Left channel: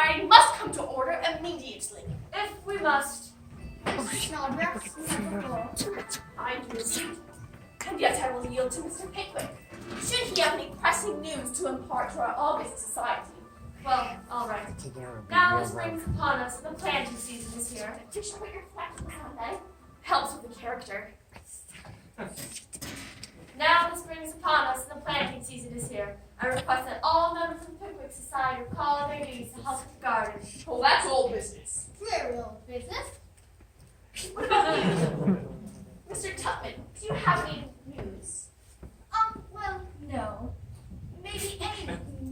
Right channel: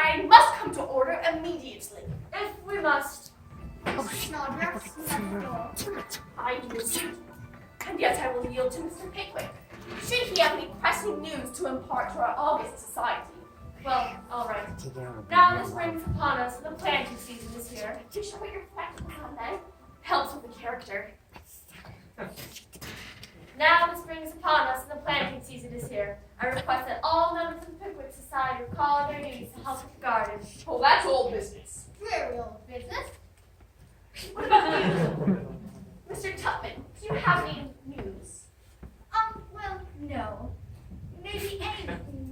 society must come to order immediately. If we must. Snodgrass, you have the floor. I do indeed. And yet I will yield to Mr. Pickwick, should he have any pressing news to impart to our august society. Well, all right. Now the spring's upon us, and the planting season is here. To show what your flexible Sunday helps with the character. Now the spring is upon us, and the planting season is here. I request that all members of the Pickwick Society recall their duties to help with the garden. Oh, that's old business. Very old business. What about you? Mr. Tupman, do you have any news? Well, no. Maybe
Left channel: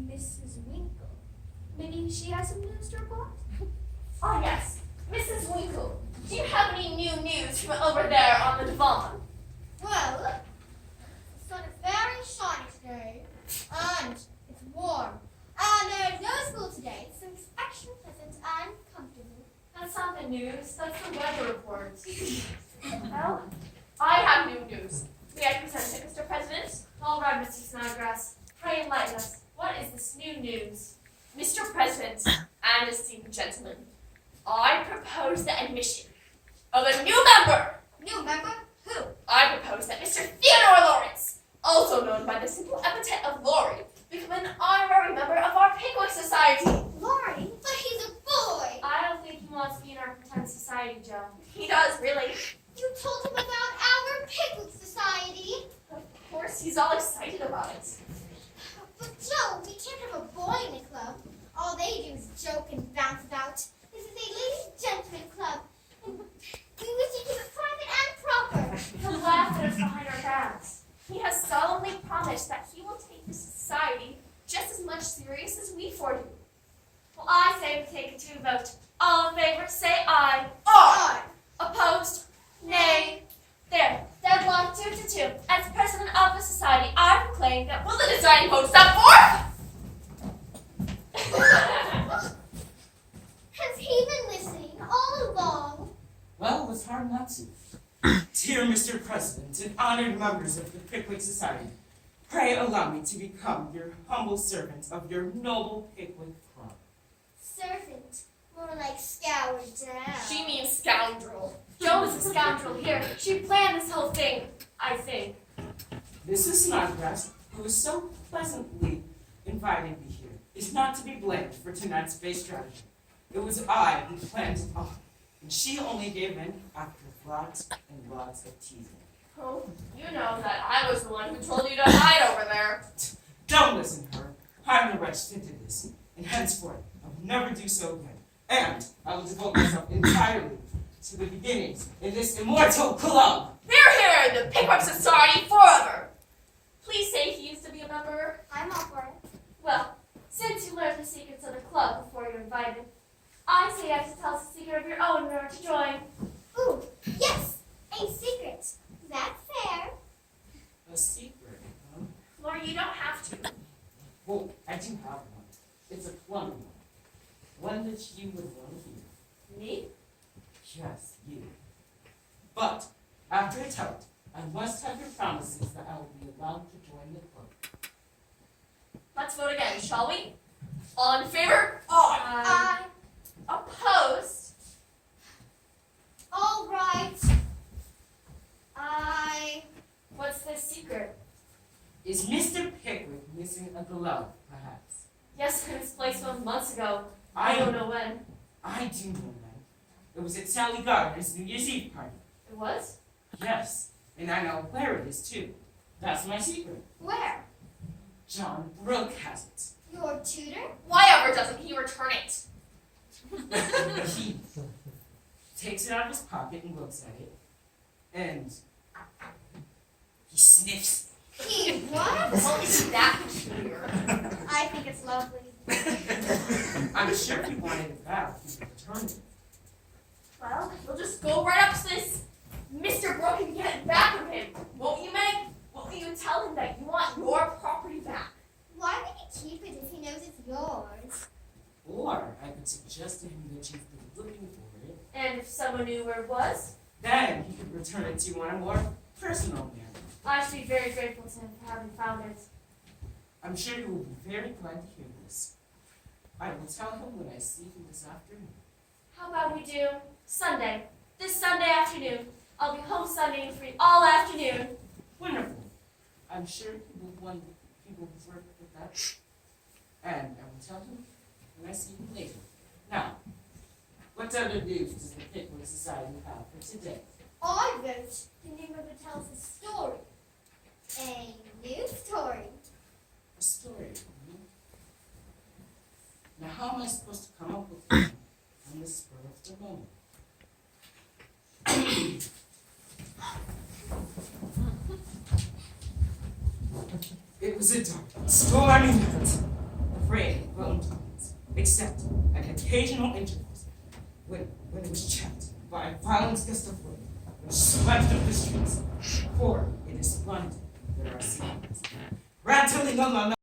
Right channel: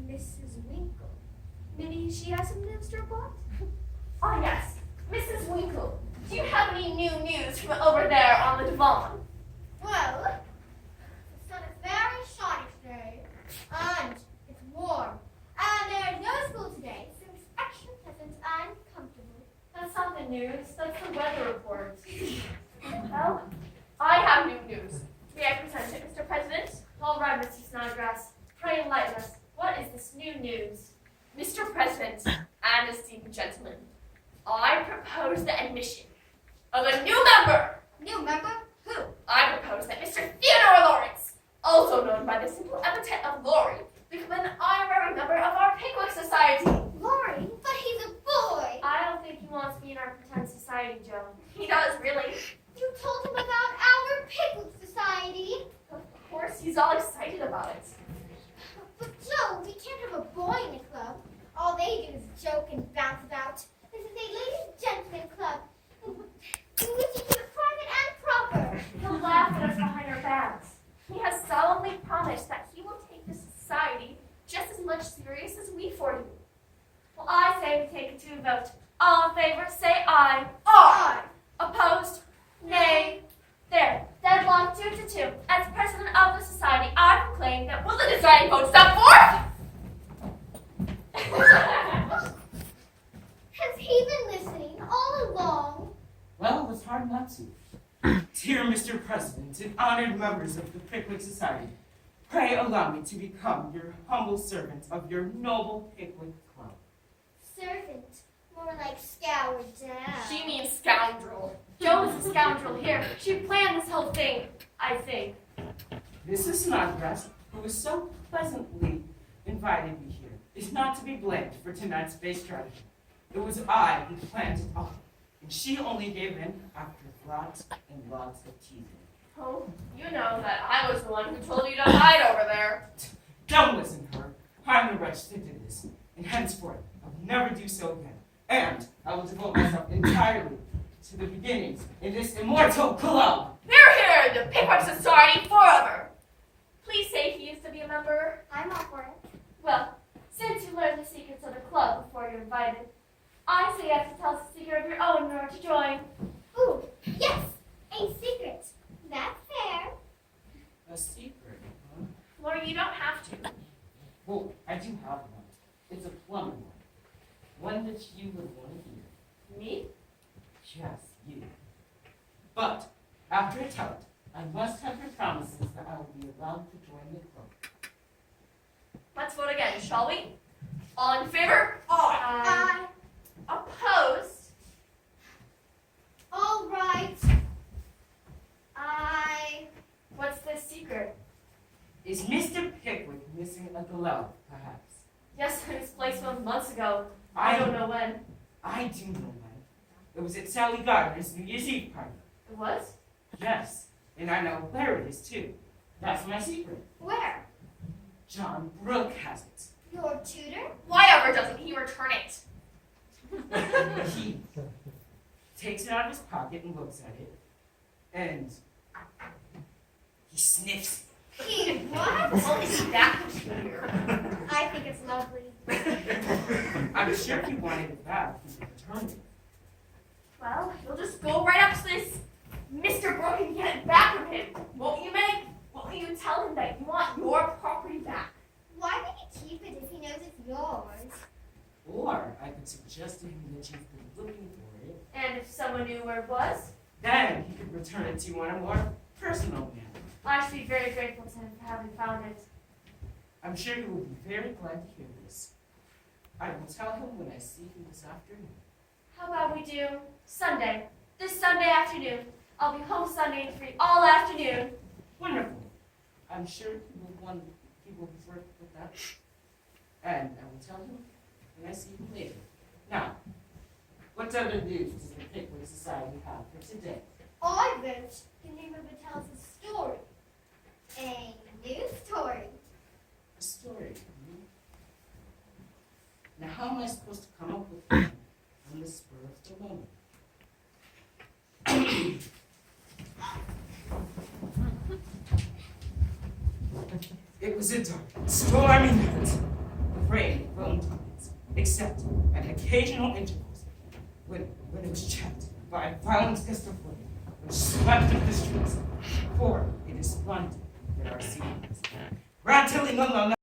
Mrs. Winkle. Maybe she has some news to report? Oh, yes. Mrs. Winkle, do you have any new news from over there on the divan? Well, the sun is very shiny today, and it's warm. And there's no school today, so it's extra pleasant and comfortable. That's not the news, that's the weather report. Well, I have new news. May I present it, Mr. President? All right, Mr. Snodgrass, pray enlighten us. What is this new news? Mr. President and esteemed gentlemen, I propose the admission of a new member. New member? Who? I propose that Mr. Theodore Lawrence, also known by the simple epithet of Laurie, become an honorary member of our Pickwick Society. Laurie? But he's a boy! I don't think he wants to be in our pretend society, Joe. He does, really. You told him about our Pickwick Society. Of course, he's all excited about it. But Joe, we can't have a boy in the club. All they do is joke and bounce about. This is a ladies and gentlemen club, in which it is private and proper. He'll laugh at us behind our backs. He has solemnly promised that he will take this society just as much serious as we four do. Well, I say we take it to a vote. All in favor, say aye. Aye. Opposed? Nay. There, deadlock 2-2. As president of the society, I proclaim that Will the deciding vote stop forth? Has he been listening all along? Well, it was hard not to. Dear Mr. President and honored members of the Pickwick Society, pray allow me to become your humble servant of your noble Pickwick Club. Servant. More like scoured down. She means scoundrel. Joe is a scoundrel here. She planned this whole thing, I think. Mrs. Snodgrass, who was so pleasantly invited me here, is not to be blamed for tonight's base strategy. It was I who planned it all, and she only gave in after lots and lots of teasing. Oh, you know that I was the one who told you to hide over there. Don't listen to her. I'm the wretch that did this, and henceforth I will never do so again. And I will devote myself entirely to the beginnings in this immortal club. Hear, hear, the Pickwick Society forever. Please say he used to be a member. I'm all for it. Well, since you learned the secrets of the club before you're invited, I say you have to tell us a secret of your own in order to join. Ooh, yes! A secret. That's fair. A secret, huh? Laura, you don't have to. Well, I do have one. It's a plum one. One that you would want to hear. Me? Yes, you. But after I tell it, I must have your promises that I will be allowed to join the club. Let's vote again, shall we? All in favor? I. Opposed? All right. I. What's the secret? Is Mr. Pickwick missing a glove, perhaps? Yes, it was placed 1 month ago. I don't know when. I do know that. It was at Sally Gardner's New Year's Eve party. It was? Yes, and I know where it is too. That's my secret. Where? John Brooke has Your tutor? Why ever doesn't he return it? it. He takes it out of his pocket and looks at it, and he sniffs He what? Well, isn't that peculiar? I think it's lovely. it. I'm sure if he wanted it back, he would return it. Well, you'll just go right up to this Mr. Brooke and get it back from him. Won't you, Meg? Won't you tell him that you want your property back? Why would he keep it if he knows it's yours? Or I could suggest to him that you've been looking for it. And if someone knew where it was, Then he could return it to you on a more personal manner. I should be very grateful to him for having found it. I'm sure you will be very glad to hear this. I will tell him when I see him this afternoon. How about we do Sunday? This Sunday afternoon. I'll be home Sunday and free all afternoon. Wonderful. I'm sure he will work with that. And I will tell him when I see him later. Now, what other news does the Pickwick Society have for today? I wrote the name of it tells a story. A new story. A story. Now, how am I supposed to come up with one on the spur of the moment? It was a dark, stormy night. The rain blown tides, except at occasional intervals, when it was checked by a violent gust of wind, which swept up the streets. For it is London that our city is, rattling on the